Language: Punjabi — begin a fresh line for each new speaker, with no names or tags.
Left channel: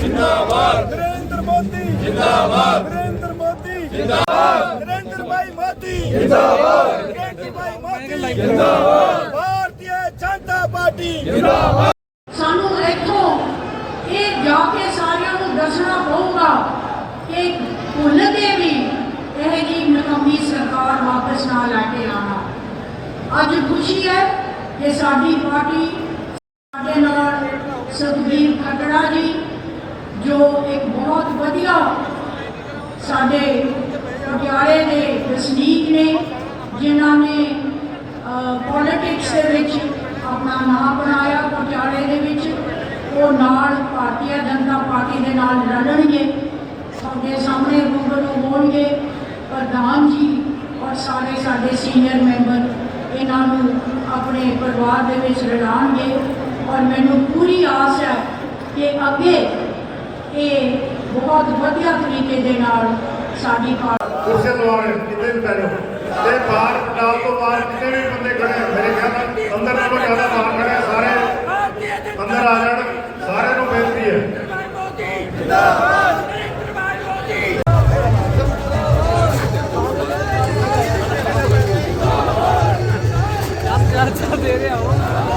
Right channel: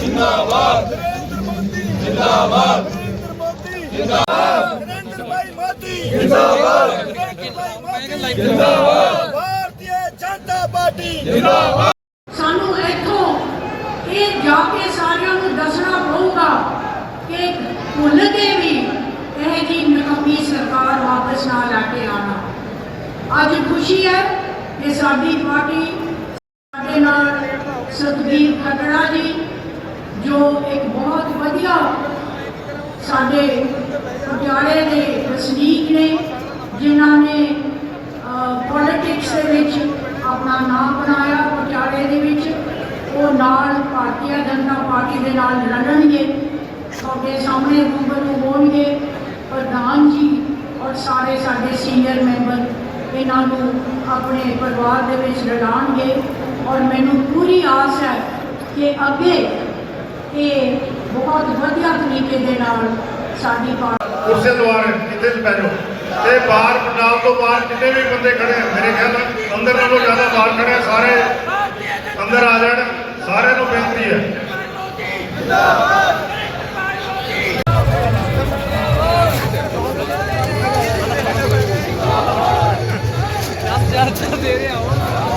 जिंदाबाद नरेंद्र मोदी जिंदाबाद नरेंद्र मोदी जिंदाबाद नरेंद्र भाई मोदी जिंदाबाद नरेंद्र भाई
मोदी जिंदाबाद
भारतीय जनता
पार्टी जिंदाबाद
ਸਾਨੂੰ ਇੱਥੋਂ ਇਹ ਜਾ ਕੇ ਸਾਰਿਆਂ ਨੂੰ ਦੱਸਣਾ ਪਊਗਾ ਕਿ ਭੁੱਲ ਕੇ ਵੀ ਇਹ ਜੀ ਨਕਮੀ ਸਰਕਾਰ ਵਾਪਸ ਨਾ ਲੈ ਕੇ ਆਣਾ ਅੱਜ ਖੁਸ਼ੀ ਹੈ ਕਿ ਸਾਡੀ ਪਾਰਟੀ ਸਾਡੇ ਨਾਲ ਸੁਖਬੀਰ ਖੱਟੜਾ ਜੀ ਜੋ ਇੱਕ ਬਹੁਤ ਵਧੀਆ ਸਾਡੇ ਪਟਿਆਲੇ ਦੇ ਵਸਨੀਕ ਨੇ, ਜਿਨ੍ਹਾਂ ਨੇ ਪੋਲਿਟਿਕਸ ਦੇ ਵਿੱਚ ਆਪਣਾ ਨਾਮ ਬਣਾਇਆ ਪਟਿਆਲੇ ਦੇ ਵਿੱਚ, ਉਹ ਨਾਲ ਭਾਰਤੀ ਜਨਤਾ ਪਾਰਟੀ ਦੇ ਨਾਲ ਲੜਨਗੇ, ਤੁਹਾਡੇ ਸਾਹਮਣੇ ਰੂਬਰੂ ਹੋਣਗੇ, ਪ੍ਰਧਾਨ ਜੀ ਔਰ ਸਾਰੇ ਸਾਡੇ ਸੀਨੀਅਰ ਮੈਂਬਰ ਇਹਨਾਂ ਨੂੰ ਆਪਣੇ ਪਰਿਵਾਰ ਦੇ ਵਿੱਚ ਰਲਾਉਣਗੇ ਔਰ ਮੈਨੂੰ ਪੂਰੀ ਆਸ ਹੈ ਕਿ ਅੱਗੇ ਇਹ ਬਹੁਤ ਵਧੀਆ ਤਰੀਕੇ ਦੇ ਨਾਲ ਸਾਡੀ ਪਾਰਟੀ
ਉਸੇ ਦਵਾਰ ਕਿਤੇ ਵੀ ਪੈਰੋ ਤੇ ਬਾਹਰ ਨਾਲ ਤੋਂ ਬਾਹਰ ਕਿਤੇ ਵੀ ਬੰਦੇ ਖੜੇ ਆ। ਮੇਰੇ ਖਿਆਲ ਨਾਲ ਅੰਦਰ ਨਾਲੋਂ ਜ਼ਿਆਦਾ ਬਾਹਰ ਖੜੇ ਆ ਸਾਰੇ ਅੰਦਰ ਆ ਜਾਣ। ਸਾਰਿਆਂ ਨੂੰ ਬੇਨਤੀ ਹੈ।
ਦੇ ਰਿਹਾ ਹਾਂ।